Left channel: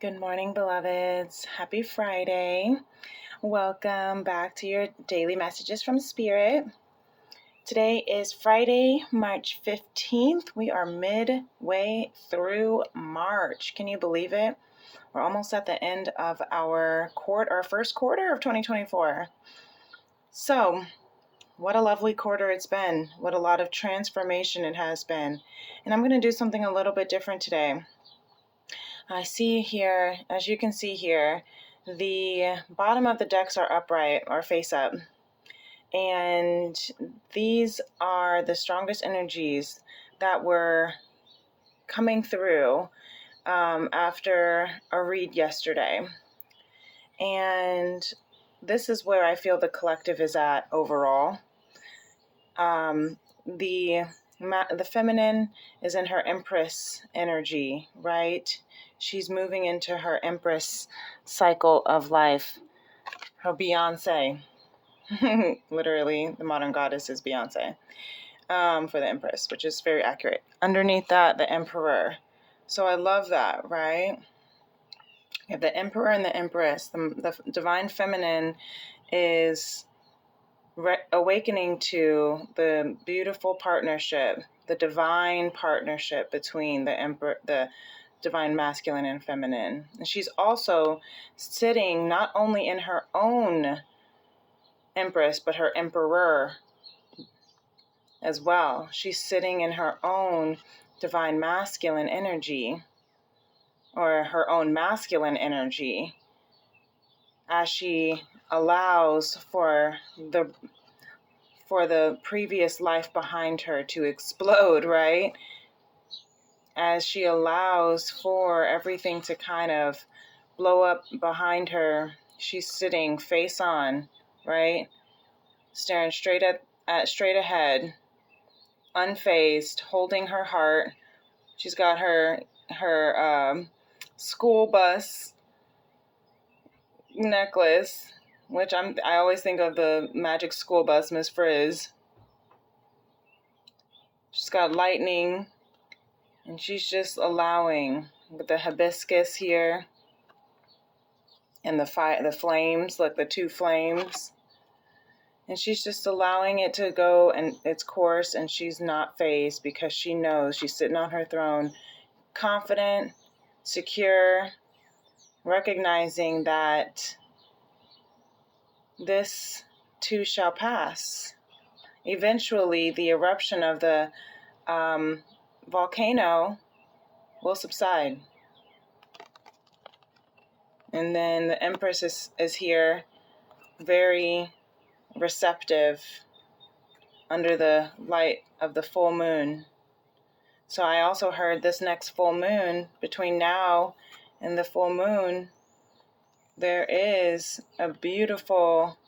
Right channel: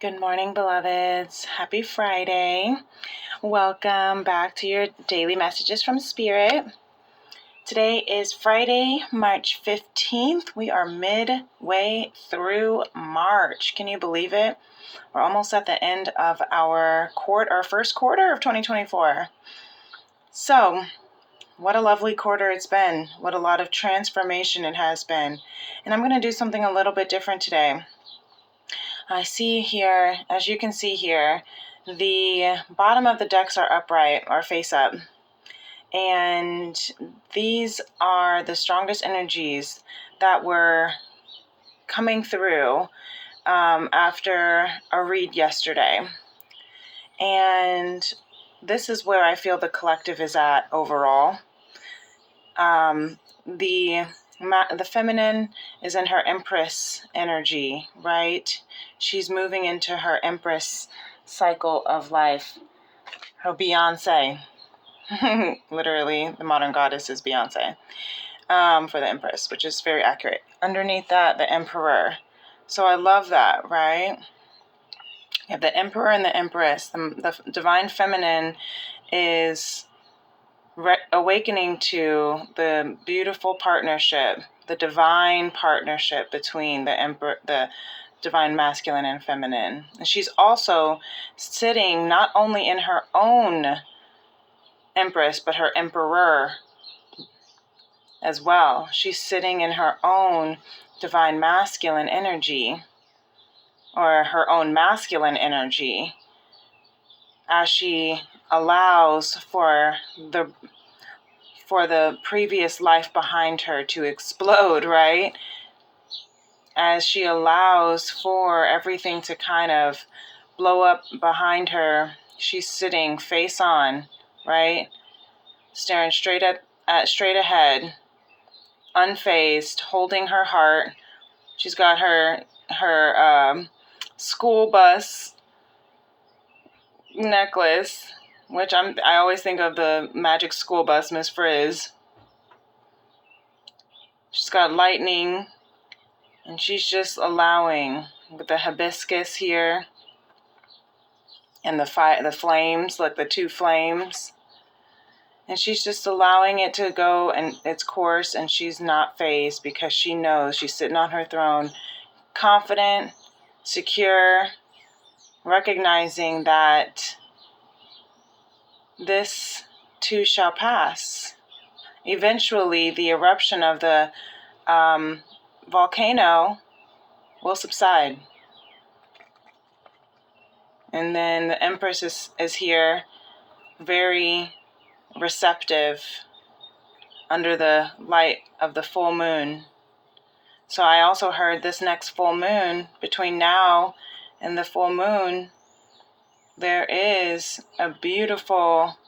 Good morning, beloveds. Happy Friday. Welcome back to your daily messages from Spirit. Today is Friday, March 15th. We are midway through March. Can you believe it? We're almost at the end of our first quarter of 2024. So, what a lovely quarter it's been. What a lot of transformation it has been. And I'm going to do something a little bit different today. I see here, as you can see here, the bottom of the decks are upright or face up. And these are the strongest energies that were coming through after a read yesterday. And this is where I feel the collective is at overall. The feminine is in her Empress energy, right? She's moving into her Empress cycle of life. Her Beyonce. Literally, the modern goddess is Beyonce for the Empress, which is very accurate. Underneath that, the Emperor. So I love that, right? You have the Emperor and the Empress. The divine feminine is awakening to the beautiful partnership, the divine partnership between the divine masculine and feminine. And she's also sitting not only in her own Empress, but her Emperor as well. She's sitting in her own divine masculine energy, or her own masculine energy, as she allows for the previous life behind her to explode, right? As she allows for everything to kind of blow up behind her, she's sitting face on, right? Staring straight ahead, unfazed, holding her heart. She's got her school bus necklace, which I always think of the magic school bus, Miss Frizz. She's got lightning, and she's just allowing with the hibiscus here and the flames, like the two flames. And she's just allowing it to go in its course, and she's not fazed because she knows she's sitting on her throne, confident, secure, recognizing that this too shall pass. Eventually, the eruption of the volcano will subside. And then the Empress is here, very receptive under the light of the full moon. So I also heard this next full moon, between now and the full moon, there is a beautiful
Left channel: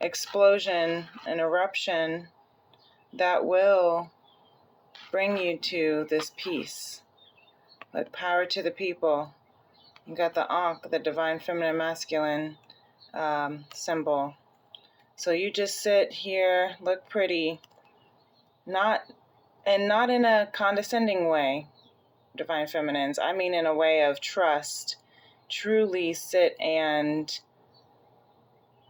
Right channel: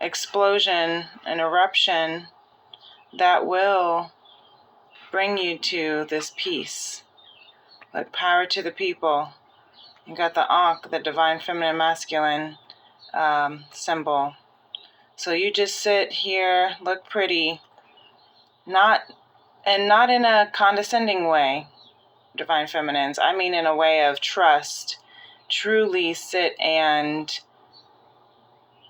explosion, an eruption that will bring you to this peace. Like power to the people. You got the Ankh, the divine feminine masculine symbol. So you just sit here, look pretty, not in a condescending way, divine feminines. I mean in a way of trust. Truly sit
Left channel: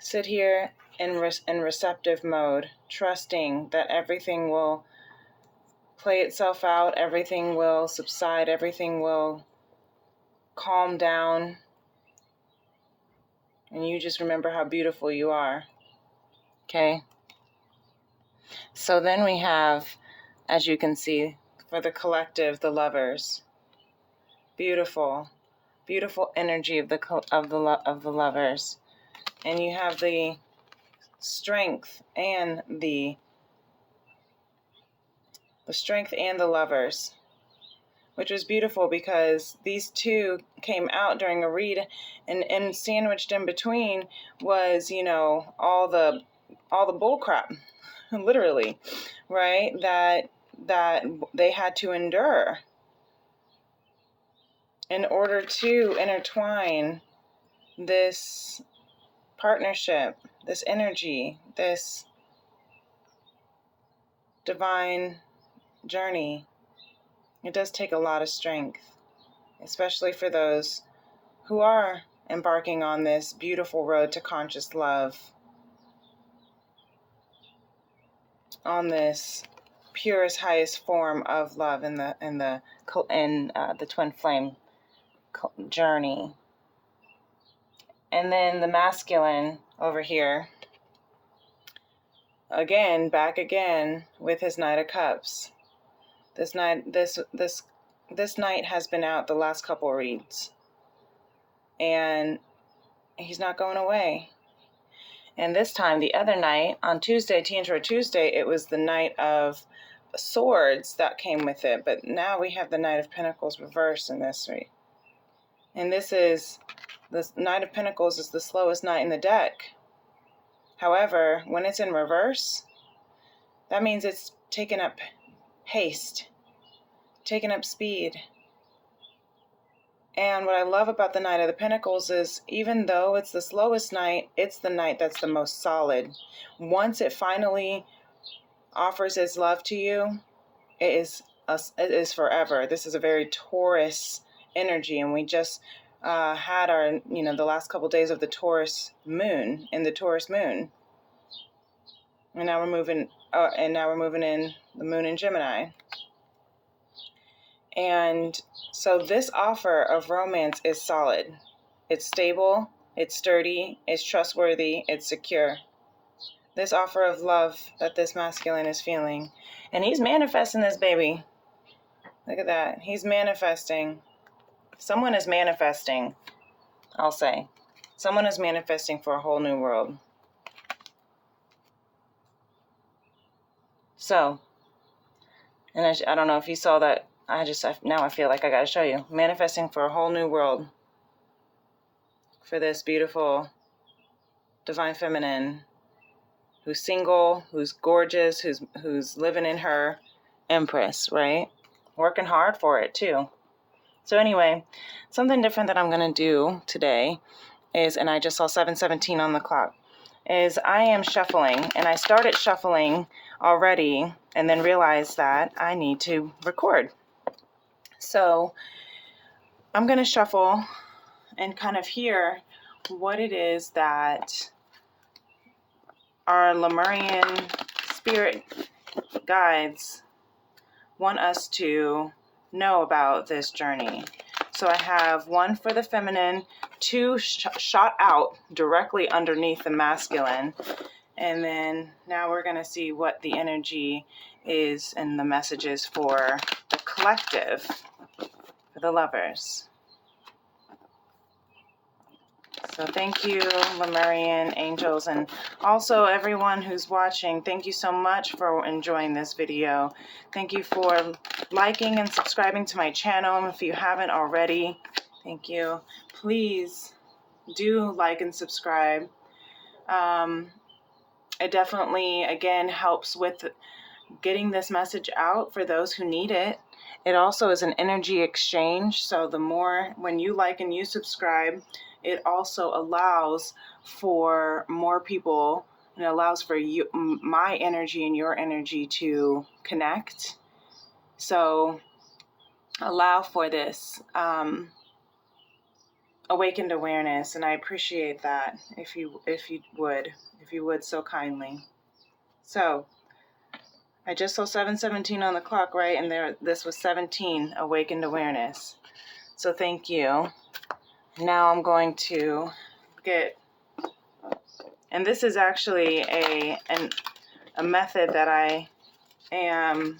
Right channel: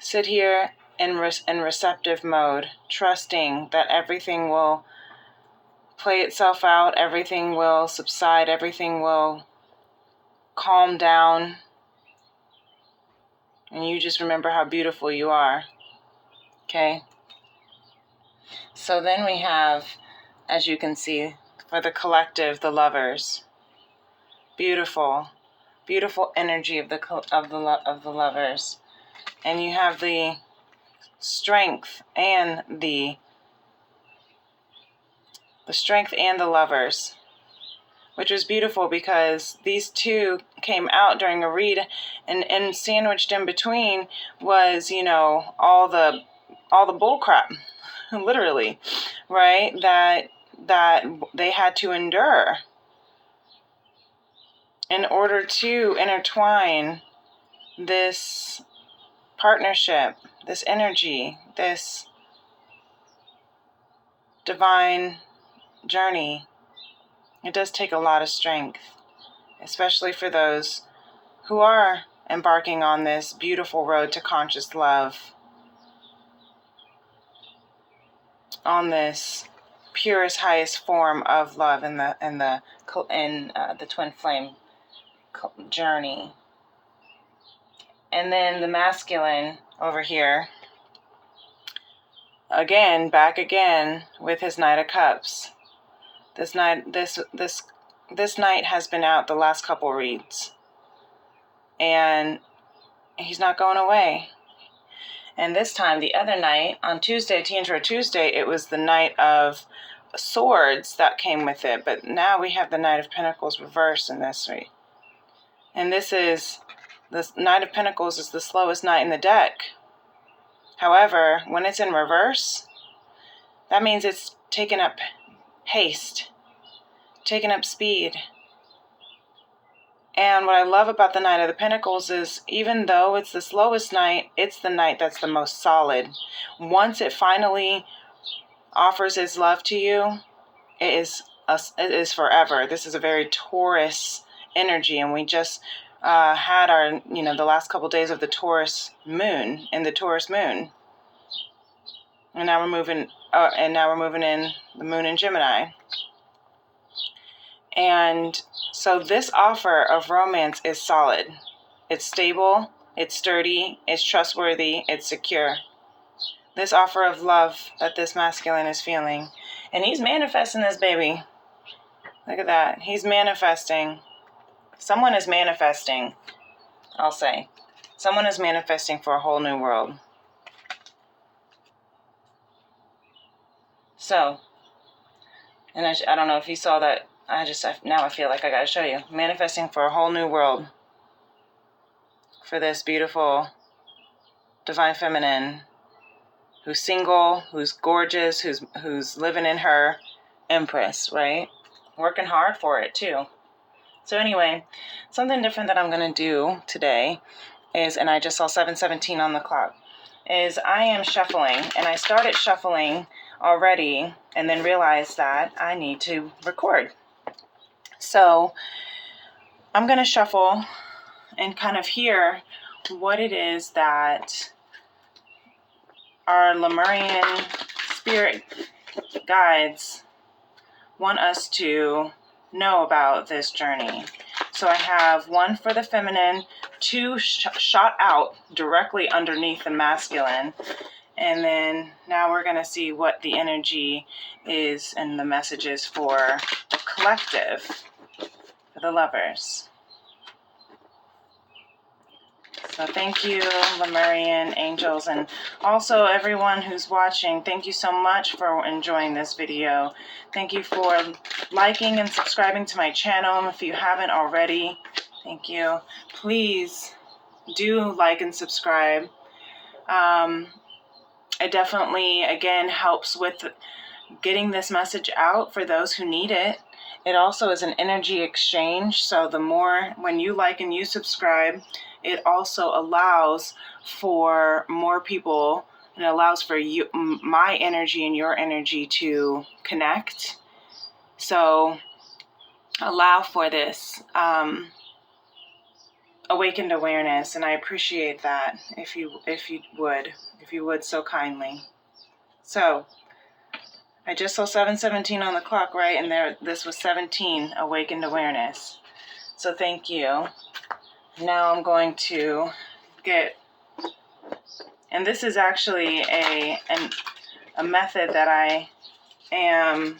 here in receptive mode, trusting that everything will play itself out, everything will subside, everything will calm down, and you just remember how beautiful you are. Okay? So then we have, as you can see, for the collective, the lovers. Beautiful, beautiful energy of the lovers. And you have the strength and the lovers, which was beautiful because these two came out during a read, and sandwiched in between was, all the bull crap, literally, right? That they had to endure in order to intertwine this partnership, this energy, this divine journey. It does take a lot of strength. especially for those who are embarking on this beautiful road to conscious love, on this purest, highest form of love in the twin flame journey. And then the masculine over here, again, back again with his Knight of Cups. This knight has been out the last couple reads, and he's not going away. And this time, the other night, on Tuesday, Tantara Tuesday, it was the Knight of Swords that came with it. But now we have the Knight of Pentacles reversed in this read. And the Knight of Pentacles is the slowest knight in the deck. However, when it's in reverse, that means it's taken up haste, taken up speed. And what I love about the Knight of the Pentacles is, even though it's the slowest knight, it's the knight that's the most solid. Once it finally offers its love to you, it is forever. This is a very Taurus energy, and we just had our, the last couple days of the Taurus moon, and now we're moving in the moon in Gemini. And so this offer of romance is solid. It's stable, it's sturdy, it's trustworthy, it's secure. This offer of love that this masculine is feeling. And he's manifesting this baby. Look at that. He's manifesting. Someone is manifesting, I'll say. Someone is manifesting for a whole new world. So, and I don't know if you saw that. Now I feel like I gotta show you. Manifesting for a whole new world. For this beautiful divine feminine who's single, who's gorgeous, who's living in her empress, right? Working hard for it too. So anyway, something different that I'm gonna do today is, and I just saw 7:17 on the clock, is I am shuffling, and I started shuffling already and then realized that I need to record. So I'm going to shuffle and kind of hear what it is that our Lemurian spirit guides want us to know about this journey. So I have one for the feminine, two shot out directly underneath the masculine. And then now we're going to see what the energy is and the messages for the collective, for the lovers. So thank you, Lemurian angels, and also everyone who's watching. Thank you so much for enjoying this video. Thank you for liking and subscribing to my channel if you haven't already. Thank you. Please do like and subscribe. It definitely, again, helps with getting this message out for those who need it. It also is an energy exchange. So the more, when you like and you subscribe, it also allows for more people, and allows for you, my energy and your energy to connect. So allow for this awakened awareness, and I appreciate that if you would so kindly. So I just saw 7:17 on the clock, right? And this was 17, awakened awareness. So thank you. Now I'm going to get, and this is actually a method that I am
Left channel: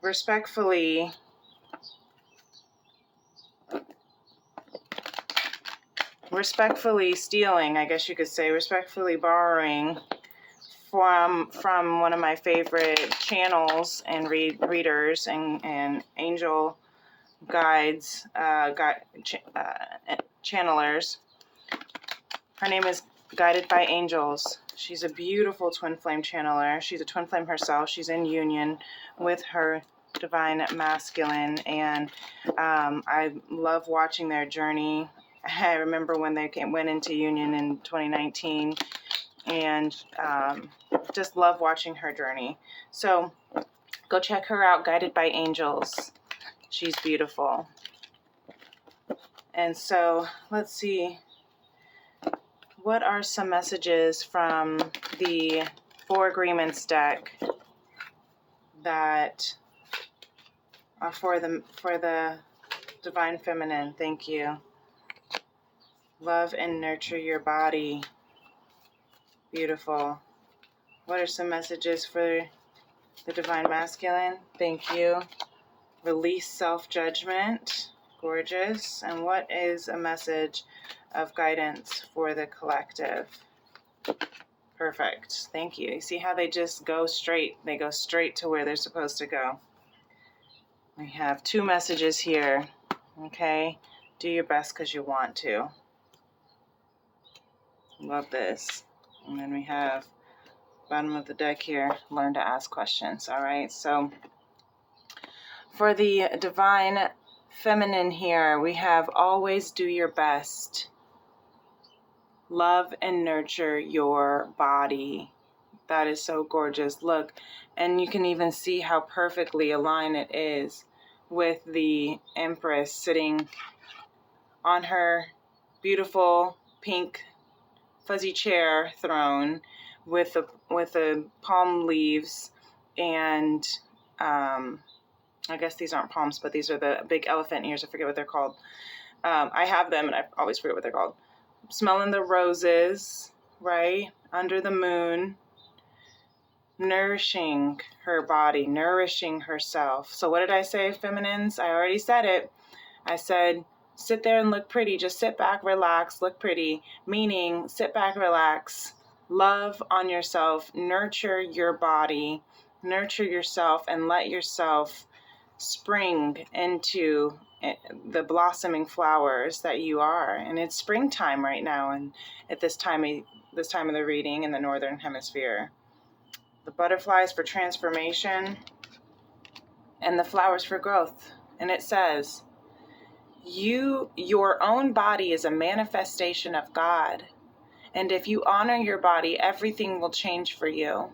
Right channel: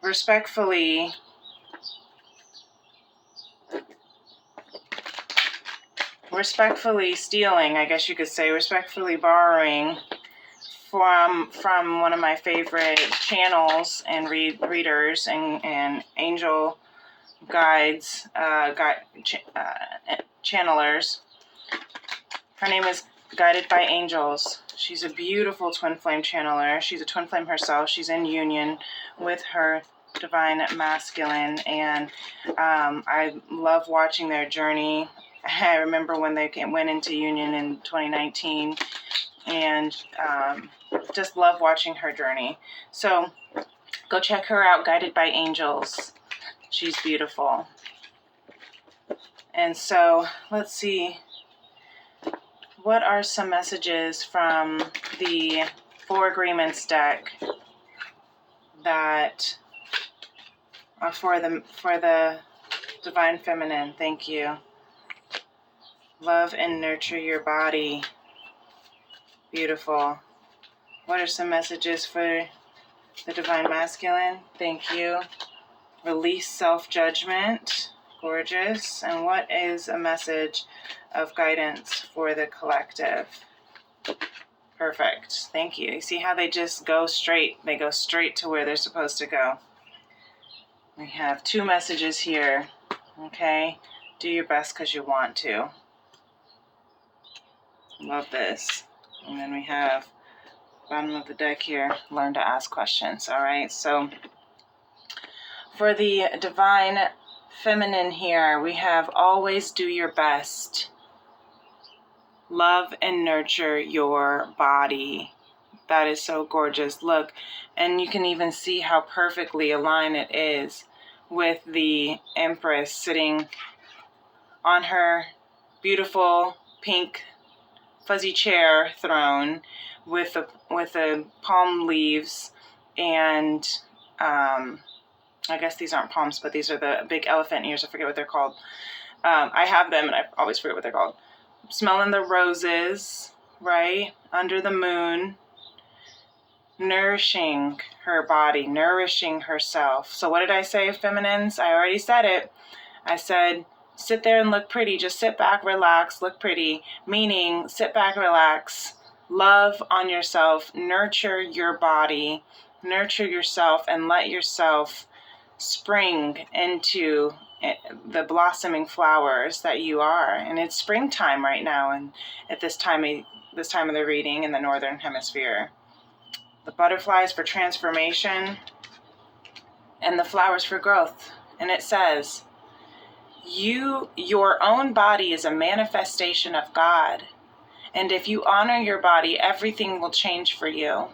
respectfully stealing, I guess you could say, respectfully borrowing from one of my favorite channels and readers and angel guides, channelers. Her name is Guided by Angels. She's a beautiful twin flame channeler. She's a twin flame herself. She's in union with her divine masculine, and I love watching their journey. I remember when they went into union in 2019, and just love watching her journey. So go check her out, Guided by Angels. She's beautiful. And so let's see, what are some messages from the Four Agreements deck that are for the Divine Feminine? Thank you. Love and nurture your body. Beautiful. What are some messages for the Divine Masculine? Thank you. Release self-judgment. Gorgeous. And what is a message of guidance for the collective? Perfect. Thank you. You see how they just go straight? They go straight to where they're supposed to go. We have 2 messages here. Okay? Do your best because you want to. Love this. And then we have bottom of the deck here, learn to ask questions. All right, so for the Divine Feminine here, we have always do your best. Love and nurture your body. That is so gorgeous. Look, and you can even see how perfectly aligned it is with the Empress sitting on her beautiful pink fuzzy chair throne with the palm leaves, and I guess these aren't palms, but these are the big elephant ears. I forget what they're called. I have them, and I always forget what they're called. Smelling the roses, right? Under the moon, nourishing her body, nourishing herself. So what did I say, feminines? I already said it. I said, sit there and look pretty. Just sit back, relax, look pretty. Meaning, sit back, relax, love on yourself, nurture your body, nurture yourself, and let yourself spring into the blossoming flowers that you are. And it's springtime right now, and at this time of the reading in the Northern Hemisphere. The butterflies for transformation and the flowers for growth. And it says, your own body is a manifestation of God. And if you honor your body, everything will change for you.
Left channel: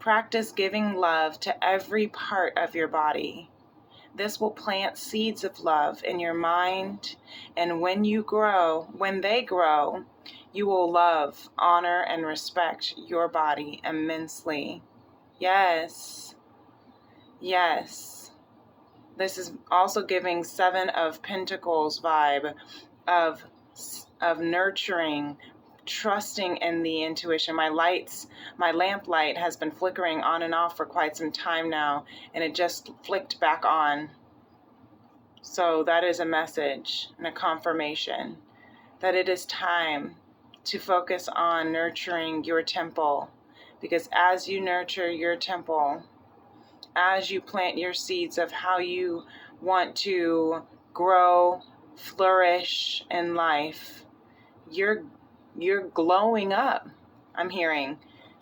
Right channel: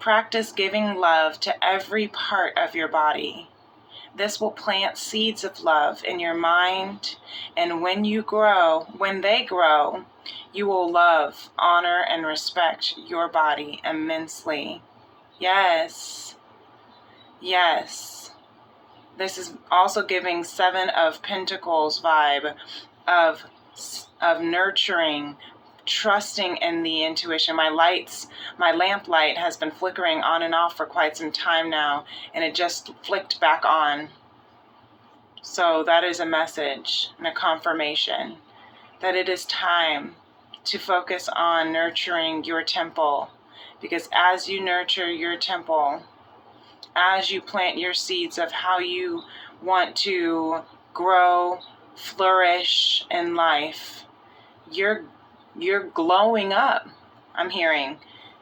Practice giving love to every part of your body. This will plant seeds of love in your mind, and when they grow, you will love, honor, and respect your body immensely. Yes. Yes. This is also giving 7 of Pentacles vibe of nurturing, trusting in the intuition. My lamp light has been flickering on and off for quite some time now, and it just flicked back on. So that is a message and a confirmation that it is time to focus on nurturing your temple, because as you nurture your temple, as you plant your seeds of how you want to grow, flourish in life, you're glowing up. I'm hearing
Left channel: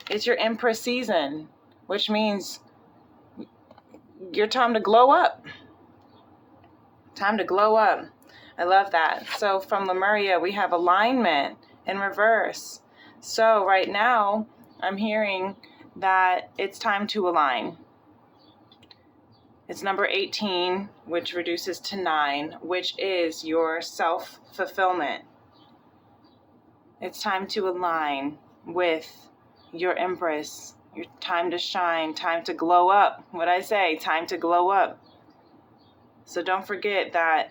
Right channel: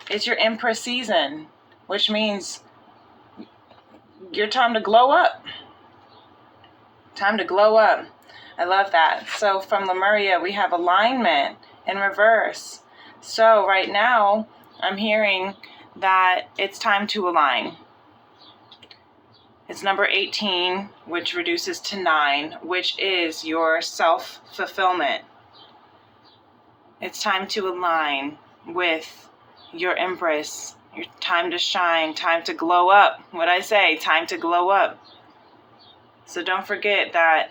it's your Empress season, which means your time to glow up. Time to glow up. I love that. So from Lemuria, we have alignment in reverse. So right now, I'm hearing that it's time to align. It's number 18, which reduces to 9, which is your self-fulfillment. It's time to align with your Empress. Your time to shine, time to glow up. What I say, time to glow up. So don't forget that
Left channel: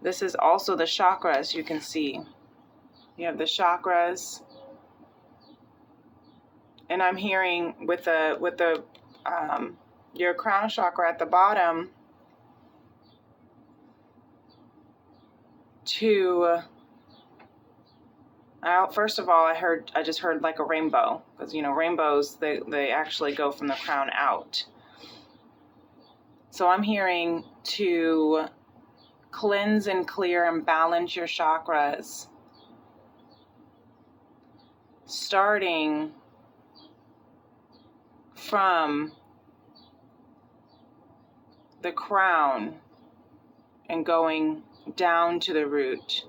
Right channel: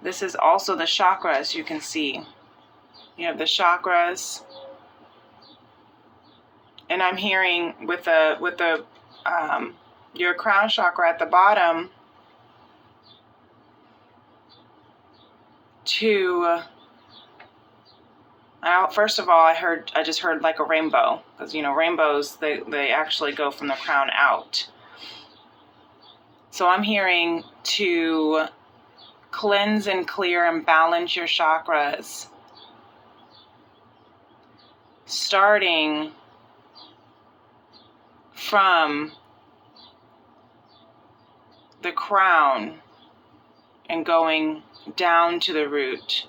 this is also the chakras you can see. You have the chakras. And I'm hearing with your crown chakra at the bottom first of all, I just heard like a rainbow, because rainbows, they actually go from the crown out. So I'm hearing to cleanse and clear and balance your chakras, starting from the crown and going down to the root,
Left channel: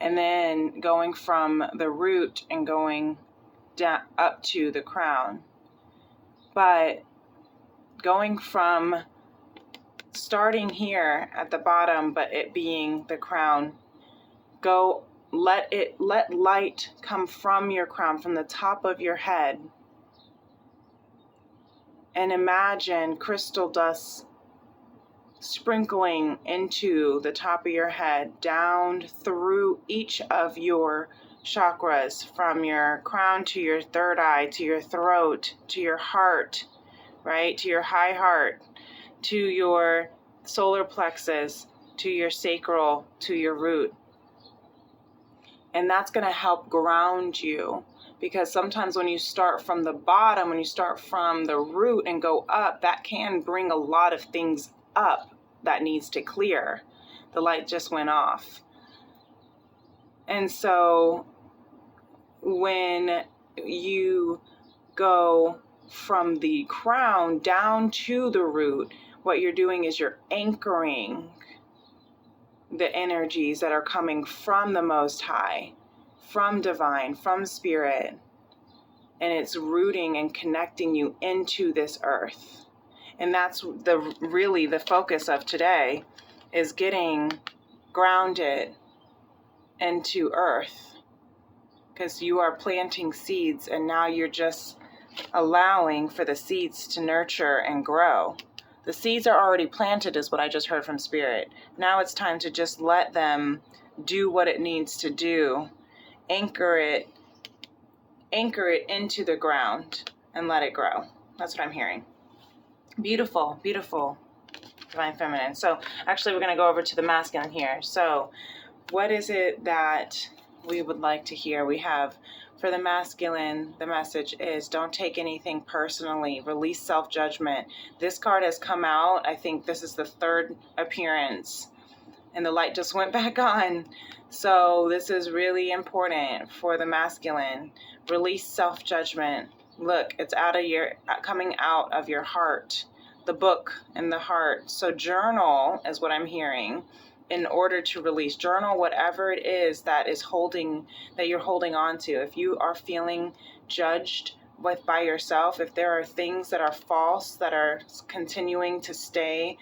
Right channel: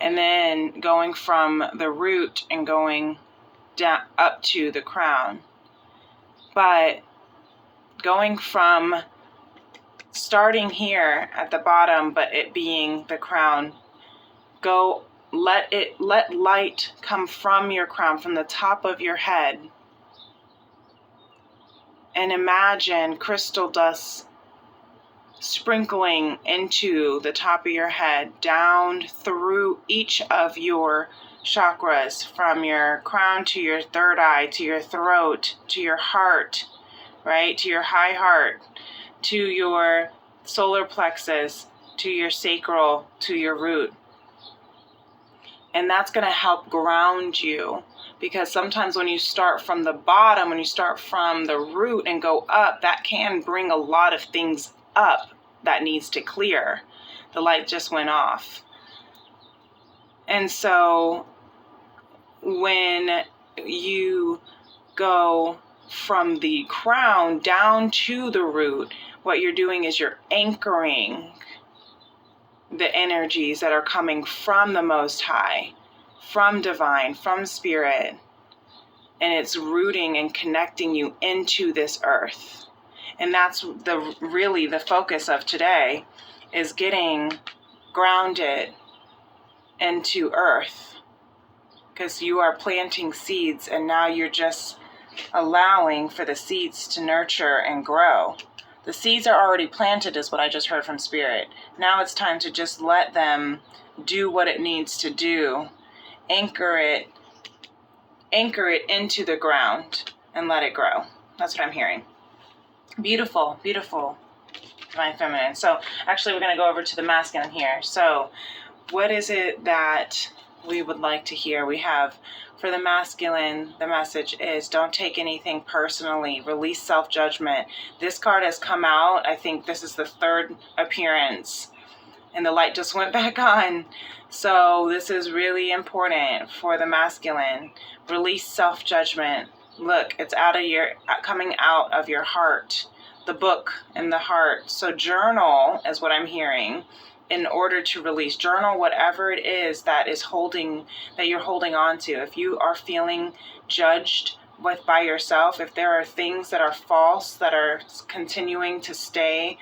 and then going from the root and going down up to the crown. But going from starting here at the bottom, but it being the crown, let light come from your crown, from the top of your head, and imagine crystal dust sprinkling into the top of your head, down through each of your chakras, from your crown to your third eye, to your throat, to your heart, right, to your high heart, to your solar plexus, to your sacral, to your root. And that's going to help ground you, because sometimes when you start from the bottom, when you start from the root and go up, that can bring a lot of things up that needs to clear. The light just went off. And so when you go from the crown down to the root, what you're doing is you're anchoring the energies that are coming from the Most High, from divine, from spirit, and it's rooting and connecting you into this earth. And that's really the focus of today, is getting grounded into earth, because you are planting seeds, and now you're just allowing for the seeds to nurture and grow. The seeds are already planted, is what I just heard from Spirit. Now it's time to just let them do what it needs to do. Anchor it into the ground and let it grow. That's what I'm hearing. Beautiful, beautiful, Divine Feminine. So actually we're going to go over to the masculine here. So what is it that we would like to hear? We have, for the masculine, the message is, don't take anything personally. Release self-judgment. This card has come out. I think this is the third appearance, and the light just went back on. So this is really important for the masculine. Release self-judgment. Look, it's coming out of your heart. The book and the heart. So journal is what I'm hearing. In order to release, journal whatever it is that you're holding on to. If you are feeling judged by yourself, if there are things that are false that are continuing to stay,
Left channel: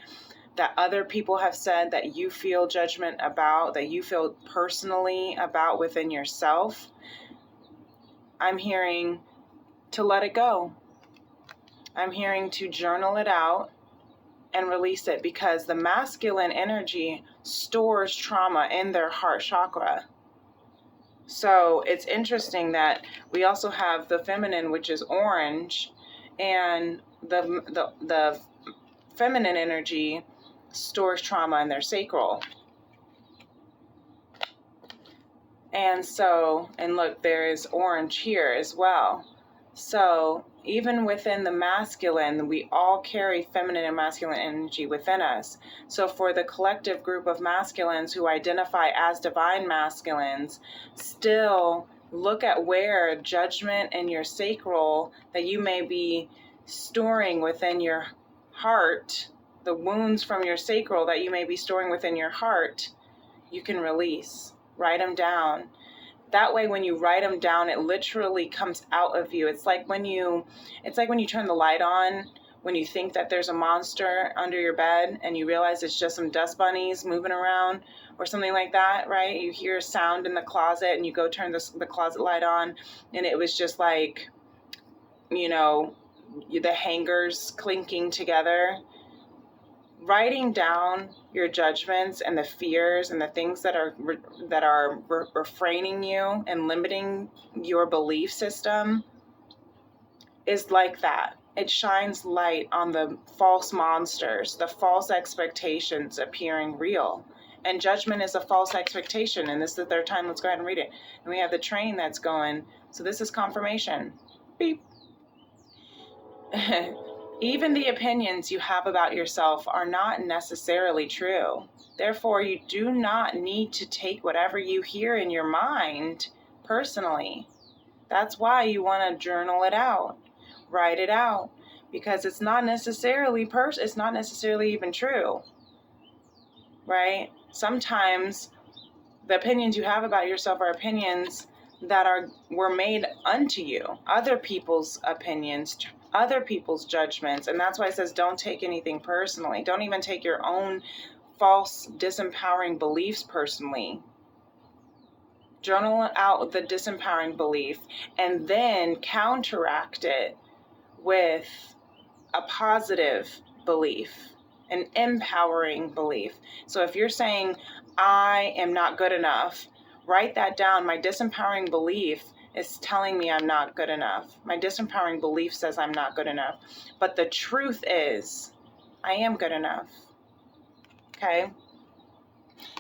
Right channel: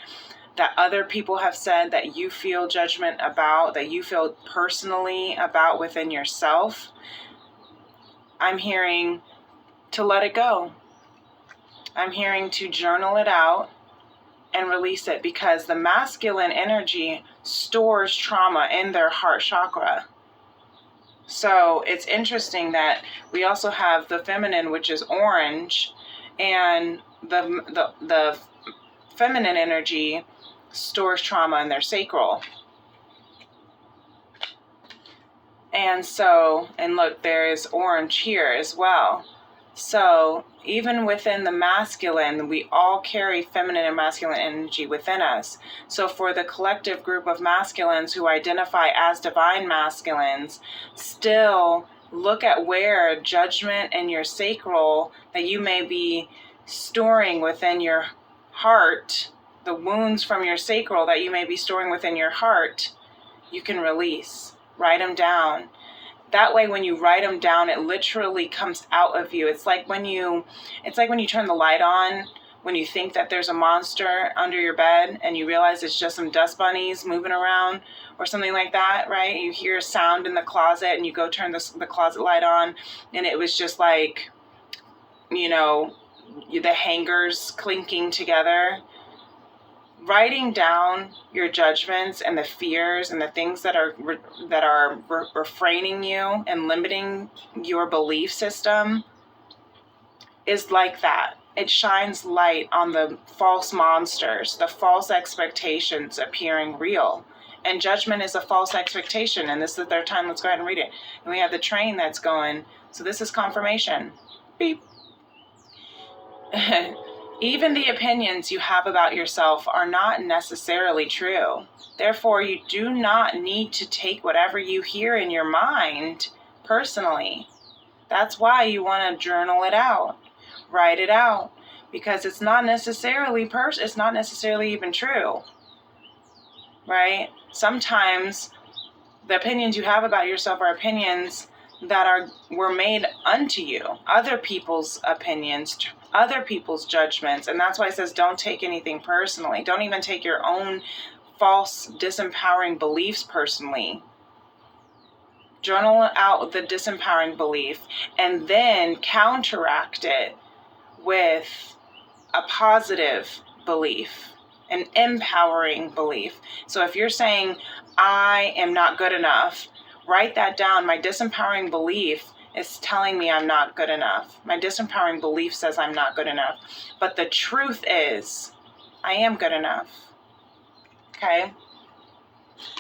that other people have said that you feel judgment about, that you feel personally about within yourself, I'm hearing to let it go. I'm hearing to journal it out and release it, because the masculine energy stores trauma in their heart chakra. So it's interesting that we also have the feminine, which is orange, and the feminine energy stores trauma in their sacral. And look, there is orange here as well. So even within the masculine, we all carry feminine and masculine energy within us. So for the collective group of masculines who identify as divine masculines, still look at where judgment and your sacral that you may be storing within your heart, the wounds from your sacral that you may be storing within your heart, you can release. Write them down. That way, when you write them down, it literally comes out of you. It's like when you turn the light on, when you think that there's a monster under your bed and you realize it's just some dust bunnies moving around or something like that, right? You hear a sound in the closet and you go turn the closet light on, and it was just like, the hangers clinking together. Writing down your judgments and the fears and the things that are refraining you and limiting your belief system is like that. It shines light on the false monsters, the false expectations appearing real. And judgment is a false expectation. And this is the third time. Let's go ahead and read it. And we have the train that's going. So this is confirmation. Beep. Even the opinions you have about yourself are not necessarily true. Therefore, you do not need to take whatever you hear in your mind personally. That's why you want to journal it out, write it out, because it's not necessarily even true, right? Sometimes the opinions you have about yourself are opinions that were made unto you. Other people's opinions other people's judgments. And that's why it says don't take anything personally. Don't even take your own false, disempowering beliefs personally. Journal out the disempowering belief and then counteract it with a positive belief, an empowering belief. So if you're saying, I am not good enough, write that down. My disempowering belief is telling me I'm not good enough. My disempowering belief says I'm not good enough. But the truth is, I am good enough. Okay?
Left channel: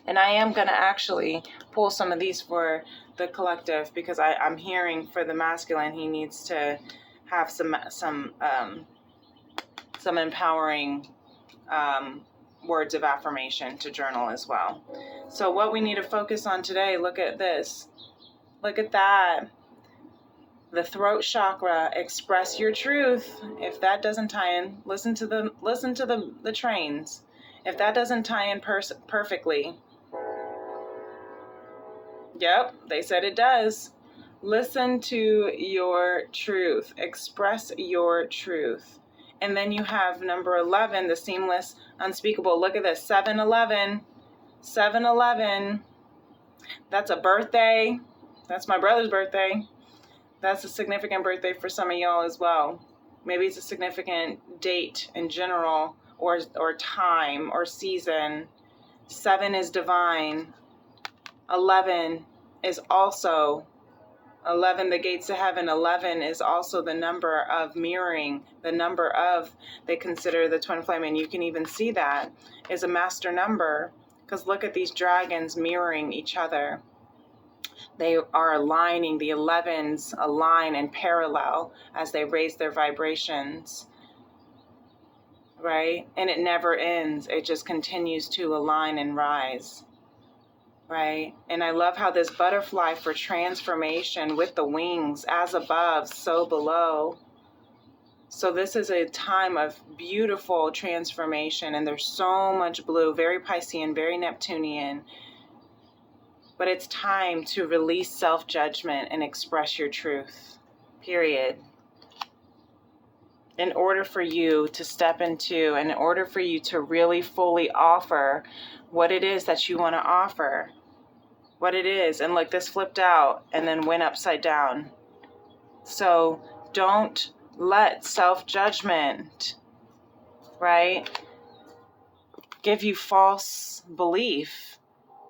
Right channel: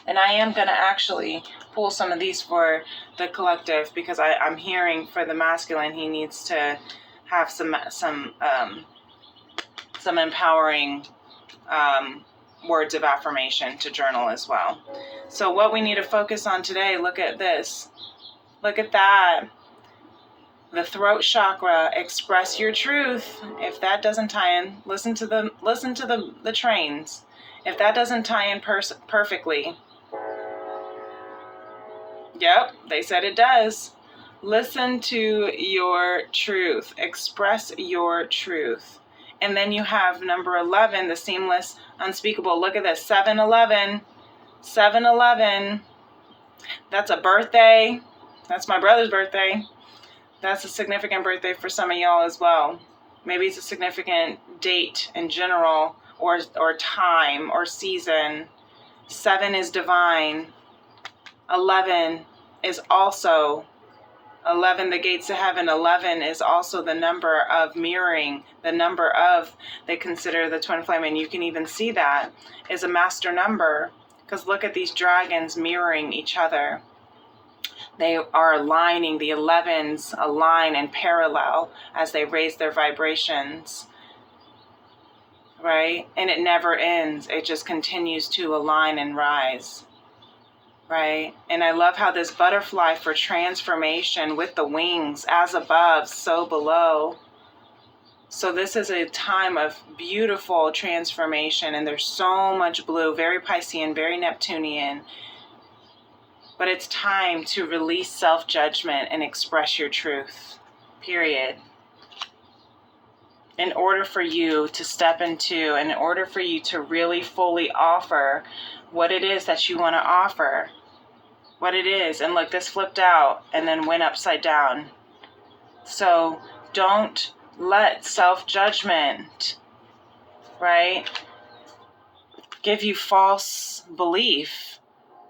And I am going to actually pull some of these for the collective, because I'm hearing for the masculine, he needs to have some empowering words of affirmation to journal as well. So what we need to focus on today, look at this. Look at that. The throat chakra, express your truth. If that doesn't tie in, listen to the trains. If that doesn't tie in perfectly, yep, they said it does. Listen to your truth. Express your truth. And then you have number 11, the seamless, unspeakable. Look at this, 7-11. 7-11. That's a birthday. That's my brother's birthday. That's a significant birthday for some of y'all as well. Maybe it's a significant date in general, or time or season. 7 is divine. 11 is also 11, the gates to heaven. 11 is also the number of mirroring, the number of, they consider the twin flame, and you can even see that is a master number, because look at these dragons mirroring each other. They are aligning, the 11s align in parallel as they raise their vibrations, right? And it never ends. It just continues to align and rise. Right? And I love how this butterfly for transformation with the wings, as above, so below. So this is a time of beautiful transformation, and there's so much blue, very Piscean, very Neptunian. But it's time to release self-judgment and express your truth, period. In order for you to step into, and in order for you to really fully offer what it is that you want to offer, what it is. And look, this flipped out and then went upside down. So don't let self-judgment, right, give you false belief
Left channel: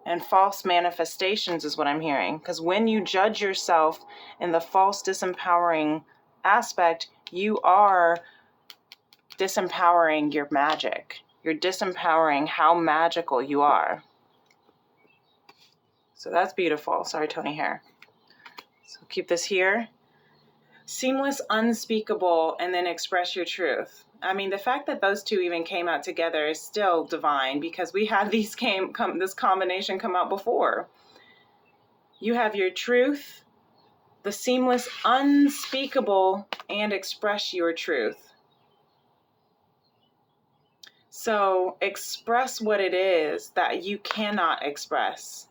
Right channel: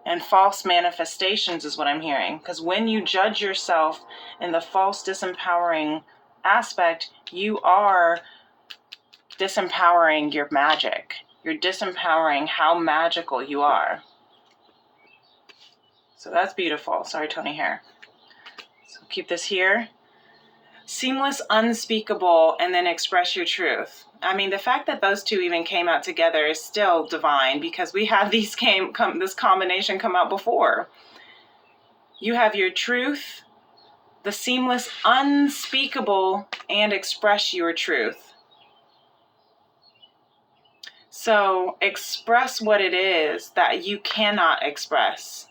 and false manifestations is what I'm hearing. Because when you judge yourself in the false disempowering aspect, you are disempowering your magic. You're disempowering how magical you are. So that's beautiful. Sorry, Tony hair. So keep this here. Seamless, unspeakable, and then express your truth. I mean, the fact that those two even came out together is still divine, because we had this combination come out before. You have your truth, the seamless, unspeakable, and express your truth. So express what it is that you cannot express.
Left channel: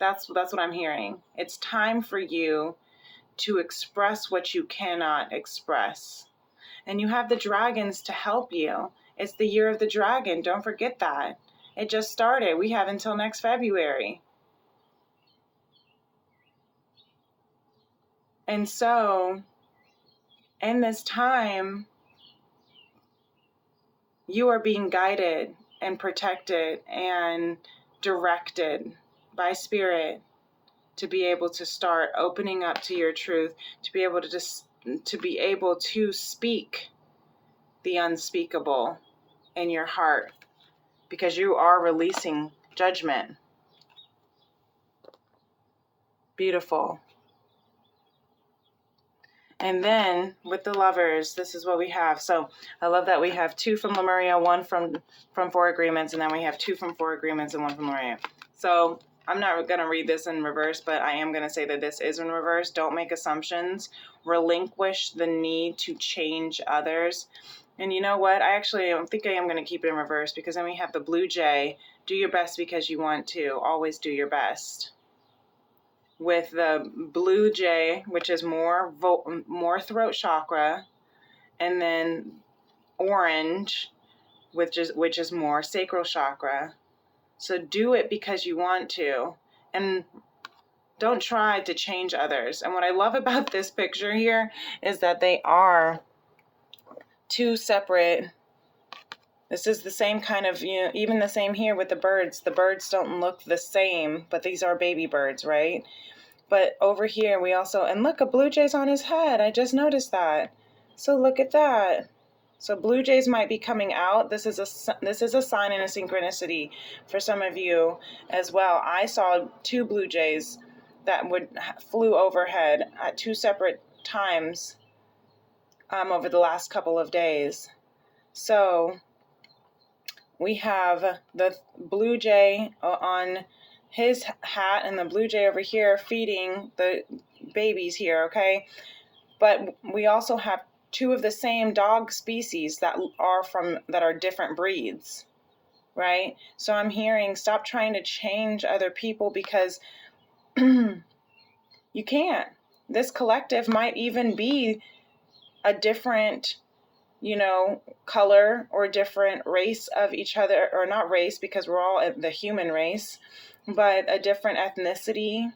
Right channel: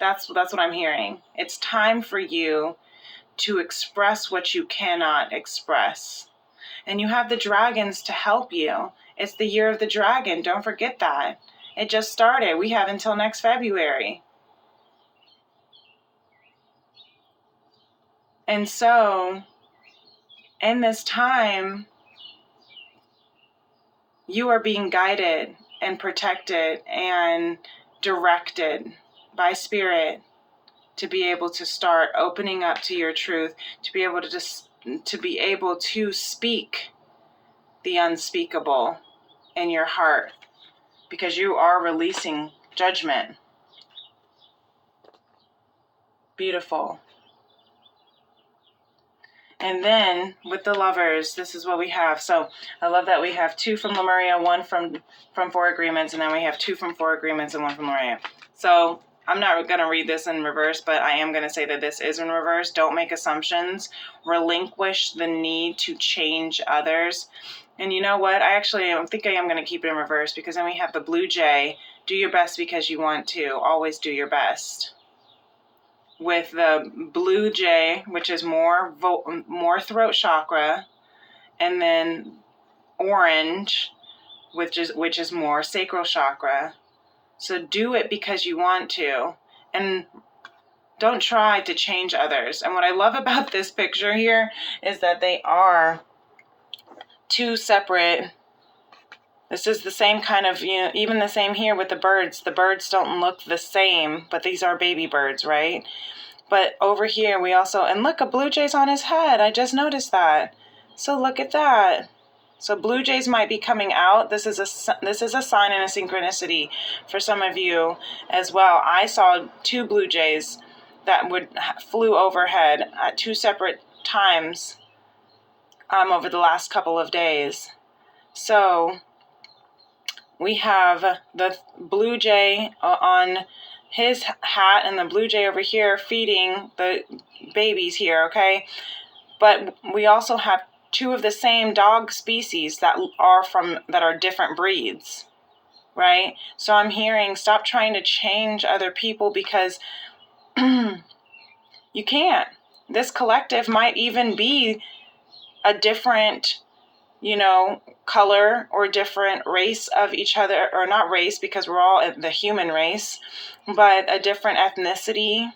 That's what I'm hearing. It's time for you to express what you cannot express. And you have the dragons to help you. It's the year of the dragon. Don't forget that. It just started. We have until next February. And so, in this time, you are being guided and protected and directed by spirit to be able to start opening up to your truth, to be able to speak the unspeakable in your heart, because you are releasing judgment. Beautiful. And then with the lovers, this is what we have. So I love that we have 2 from Lemuria, 1 from 4 agreements, and then we have 2 from 4 agreements and 1 from Lemuria. So I'm not going to read this in reverse, but I am going to say that this is in reverse. Don't make assumptions. Relinquish the need to change others. And you know what? I think I am going to keep it in reverse, because then we have the blue jay. Do your best because you want to. Always do your best. With the blue jay, which is more throat chakra, and then orange, which is more sacral chakra. So do it because you want to, and don't try to change others. And what I love about this picture here is that they are two separate. This is the same kind of, even the same here with the birds. The birds don't look the same, but these are baby birds, right? But over here we also, and look, a blue jay's on his head. I just noticed that. So look at that. So blue jays might be coming out. This is a sign and a synchronicity for some of you as well. I saw two blue jays that flew overhead at two separate times over the last couple of days. So we have the blue jay on his hat and the blue jay over here feeding the babies here, okay? But we also have two of the same dog species that are different breeds, right? So I'm hearing, stop trying to change other people because you can't. This collective might even be a different color or different race of each other, or not race because we're all the human race, but a different ethnicity,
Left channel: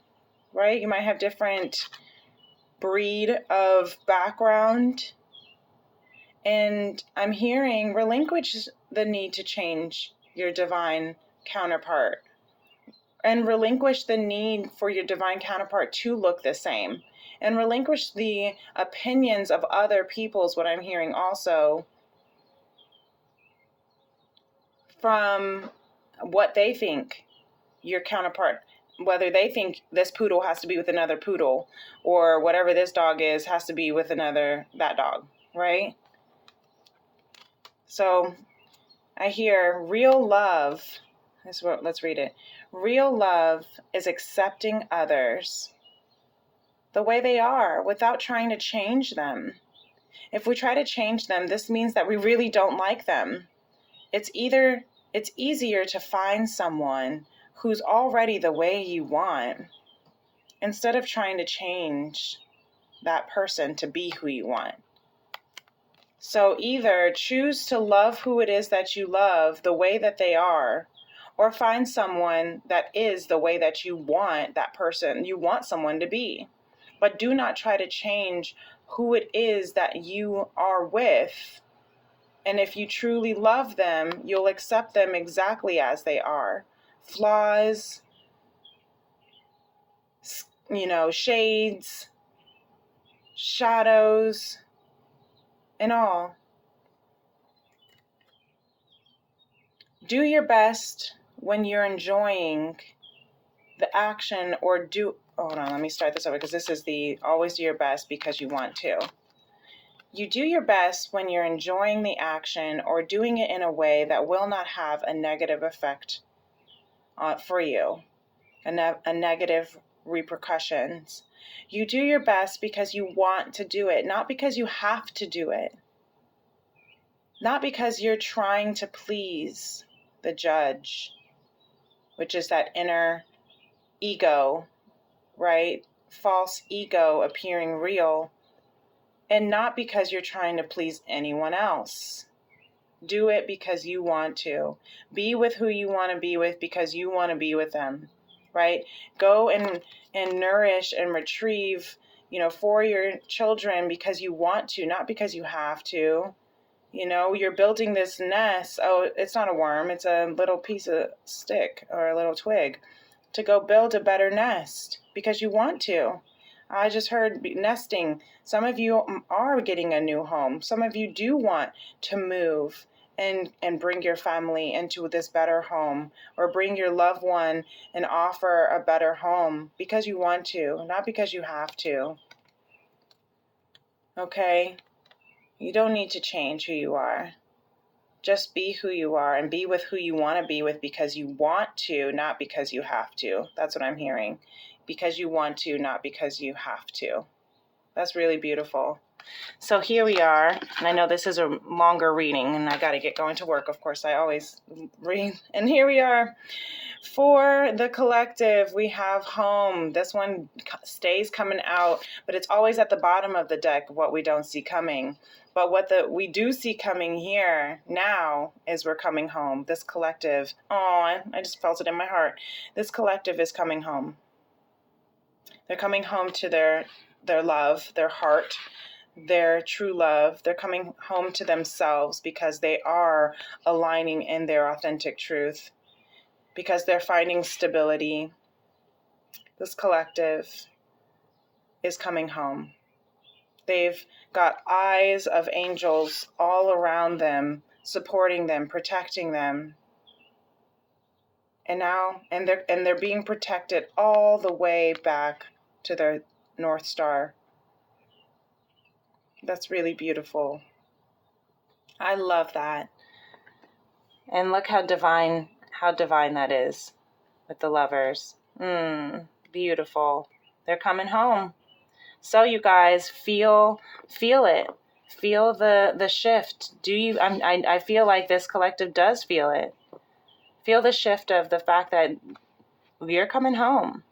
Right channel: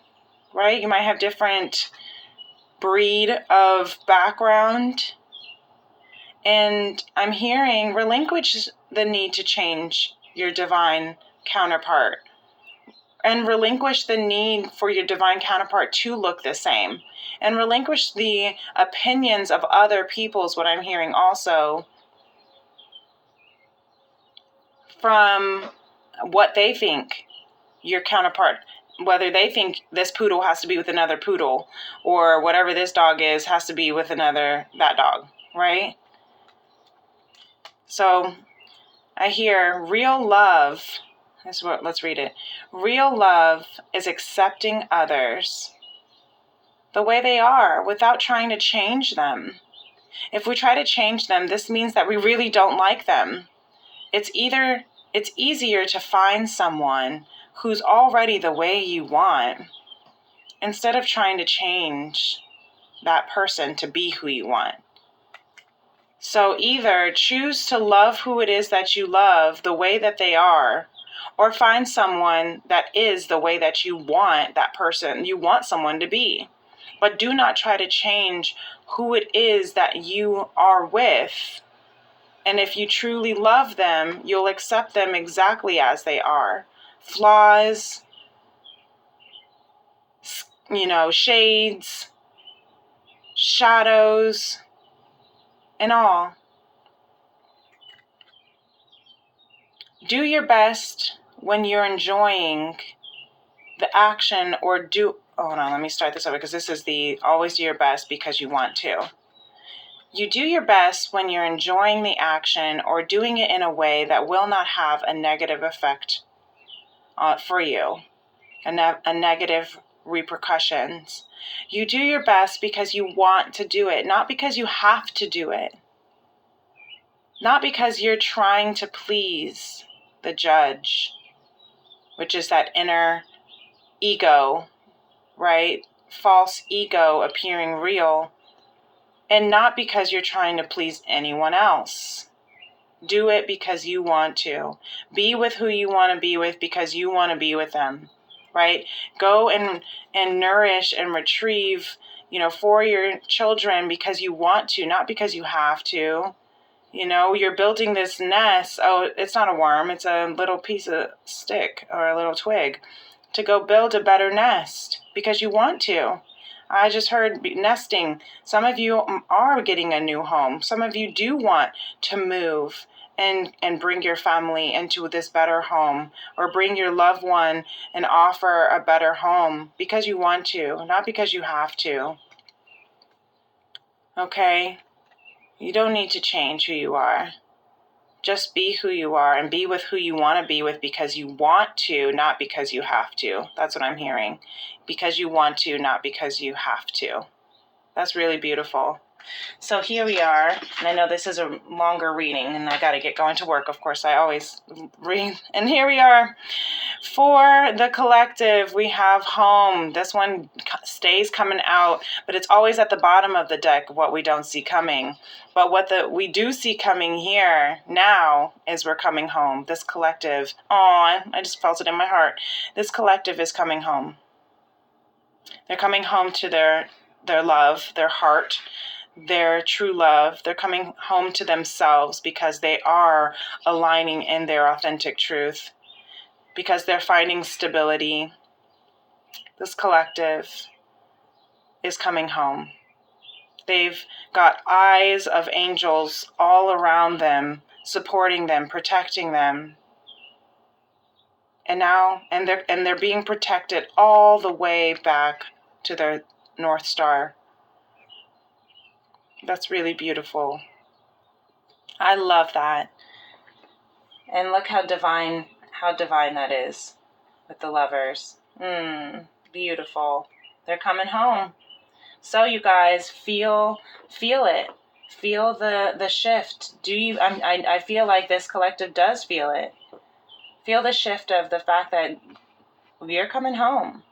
right? You might have different breed of background. And I'm hearing, relinquish the need to change your divine counterpart, and relinquish the need for your divine counterpart to look the same, and relinquish the opinions of other people's, what I'm hearing also, from what they think your counterpart, whether they think this poodle has to be with another poodle, or whatever this dog is has to be with that dog, right? So I hear real love. Let's read it. Real love is accepting others the way they are without trying to change them. If we try to change them, this means that we really don't like them. It's easier to find someone who's already the way you want instead of trying to change that person to be who you want. So either choose to love who it is that you love the way that they are, or find someone that is the way that you want someone to be. But do not try to change who it is that you are with. And if you truly love them, you'll accept them exactly as they are. Flaws, shades, shadows, and all. Do your best when you're enjoying the action, or hold on, let me start this over because this is always do your best because you want to. You do your best when you're enjoying the action or doing it in a way that will not have a negative effect for you, a negative repercussions. You do your best because you want to do it, not because you have to do it. Not because you're trying to please the judge, which is that inner ego, right? False ego appearing real, and not because you're trying to please anyone else. Do it because you want to. Be with who you want to be with because you want to be with them, right? Go and nourish and retrieve, for your children because you want to, not because you have to. You're building this nest. Oh, it's not a worm. It's a little piece of stick or a little twig to go build a better nest because you want to. I just heard nesting. Some of you are getting a new home. Some of you do want to move and bring your family into this better home, or bring your loved one and offer a better home because you want to, not because you have to. Okay? You don't need to change who you are. Just be who you are and be with who you want to be with because you want to, not because you have to. That's what I'm hearing. Because you want to, not because you have to. That's really beautiful. So here we are, and I know this is a longer reading, and I got to get going to work. Of course, I always read. And here we are. For the collective, we have home. This one stays coming out, but it's always at the bottom of the deck, what we don't see coming. But what we do see coming here now is we're coming home. This collective, oh, I just felt it in my heart. This collective is coming home. They're coming home to their love, their heart, their true love. They're coming home to themselves because they are aligning in their authentic truth, because they're finding stability. This collective is coming home. They've got eyes of angels all around them, supporting them, protecting them. And now, they're being protected all the way back to their North Star. That's really beautiful. I love that. And look how divine that is with the lovers. Beautiful. They're coming home. So you guys feel it. Feel the shift. I feel like this collective does feel it. Feel the shift of the fact that you're coming home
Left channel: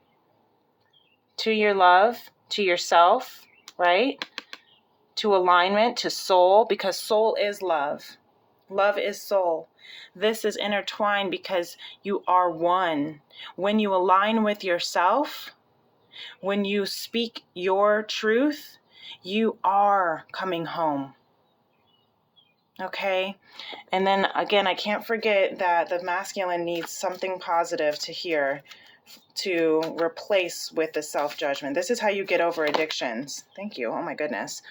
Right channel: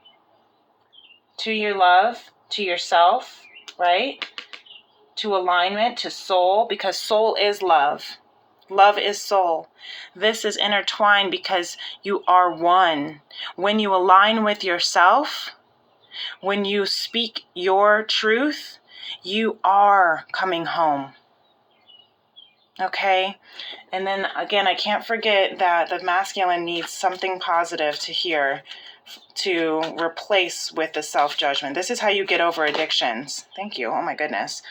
to your love, to yourself, right? To alignment, to soul, because soul is love. Love is soul. This is intertwined because you are one. When you align with yourself, when you speak your truth, you are coming home. Okay? And then again, I can't forget that the masculine needs something positive to hear to replace with the self-judgment. This is how you get over addictions. Thank you. Oh my goodness.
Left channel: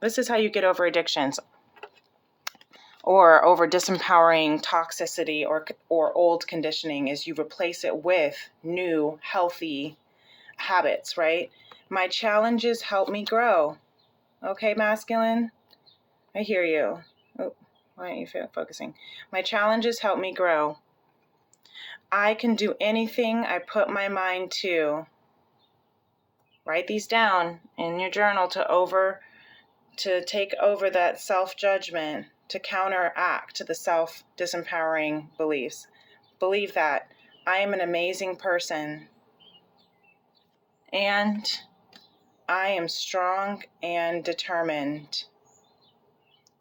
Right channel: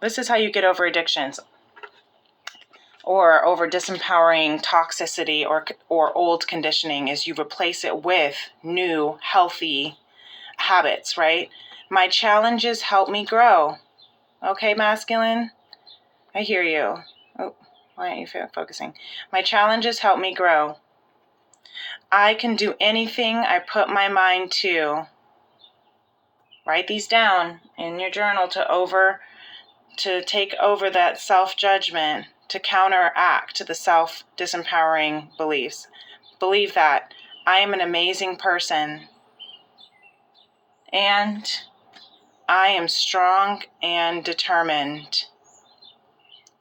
This is how you get over addictions, or over disempowering toxicity or old conditioning, is you replace it with new, healthy habits, right? My challenges help me grow. Okay, masculine? I hear you. Oh, why aren't you focusing? My challenges help me grow. I can do anything I put my mind to. Write these down in your journal to take over that self-judgment, to counteract the self-disempowering beliefs. Believe that I am an amazing person, and I am strong and determined.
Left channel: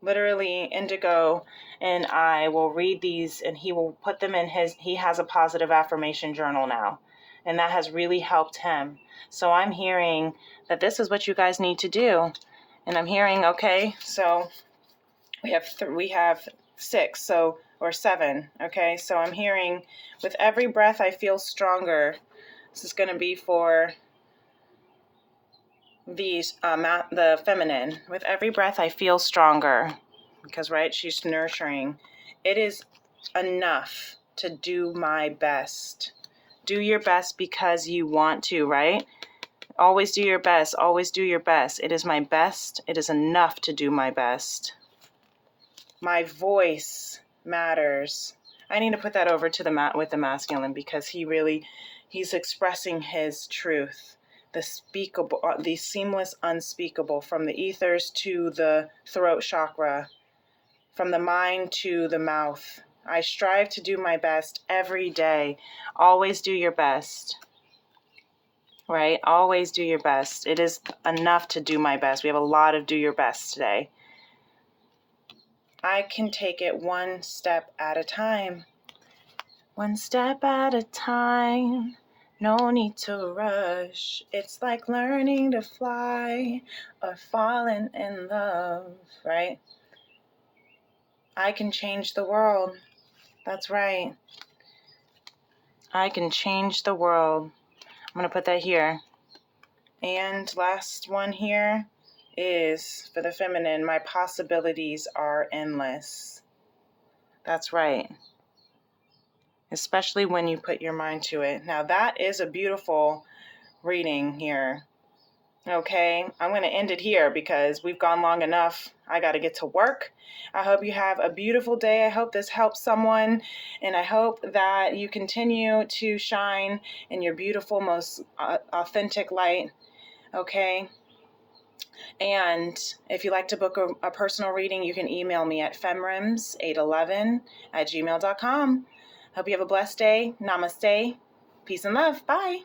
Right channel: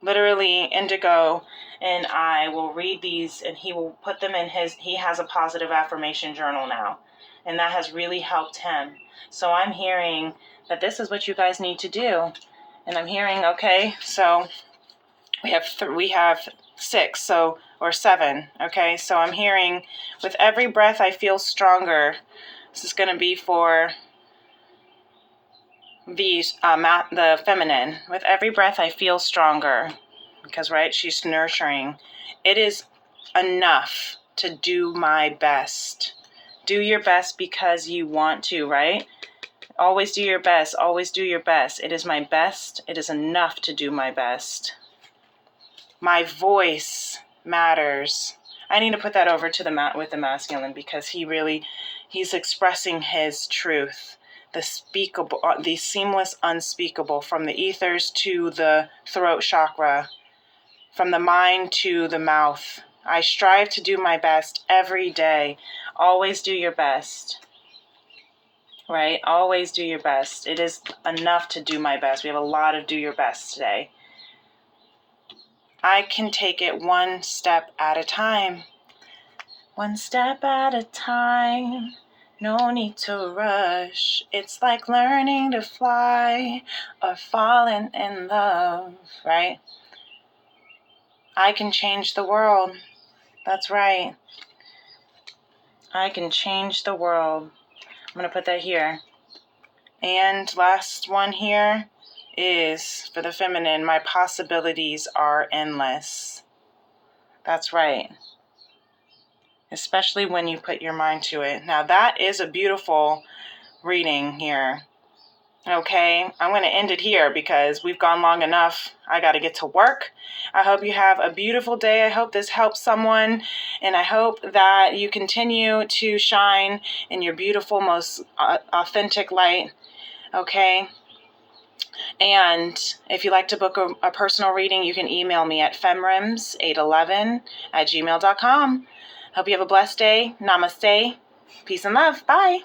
Literally, Indigo and I will read these, and he will put them in he has a positive affirmation journal now, and that has really helped him. So I'm hearing that this is what you guys need to do. And I'm hearing, okay, so we have 6, or 7, okay? So I'm hearing, with every breath I feel stronger. This is going to be for the feminine. With every breath I feel stronger, because, right, she's nurturing. It is enough to do my best. Do your best because you want to, right? Always do your best. Always do your best. It is my best. It is enough to do my best. My voice matters. I need to put that over to with the masculine, because he's expressing his truth. The speakable, the seamless unspeakable, from the ethers to the throat chakra, from the mind to the mouth. I strive to do my best every day. Always do your best. Right? Always do your best. It is enough to do my best. We have a lot of do your best today. I can take it one step at a time. One step at a time. No need to rush. It's like learning to fly or falling in love, right? I can change the world. That's right. I can change the world. I'm going to put that here. And last one here is for the feminine. My possibilities are endless. That's right. Especially when you put your mind to it. Now that is a beautiful reading here. Okay, I'm going to end it here because we've gone long enough. I got to get to work. I hope you have a beautiful day. I hope this helps someone, and I hope that you continue to shine in your beautiful, most authentic light. Okay, And if you'd like to book a personal reading, you can email me at femrims811@gmail.com. Hope you have a blessed day. Namaste. Peace and love. Bye.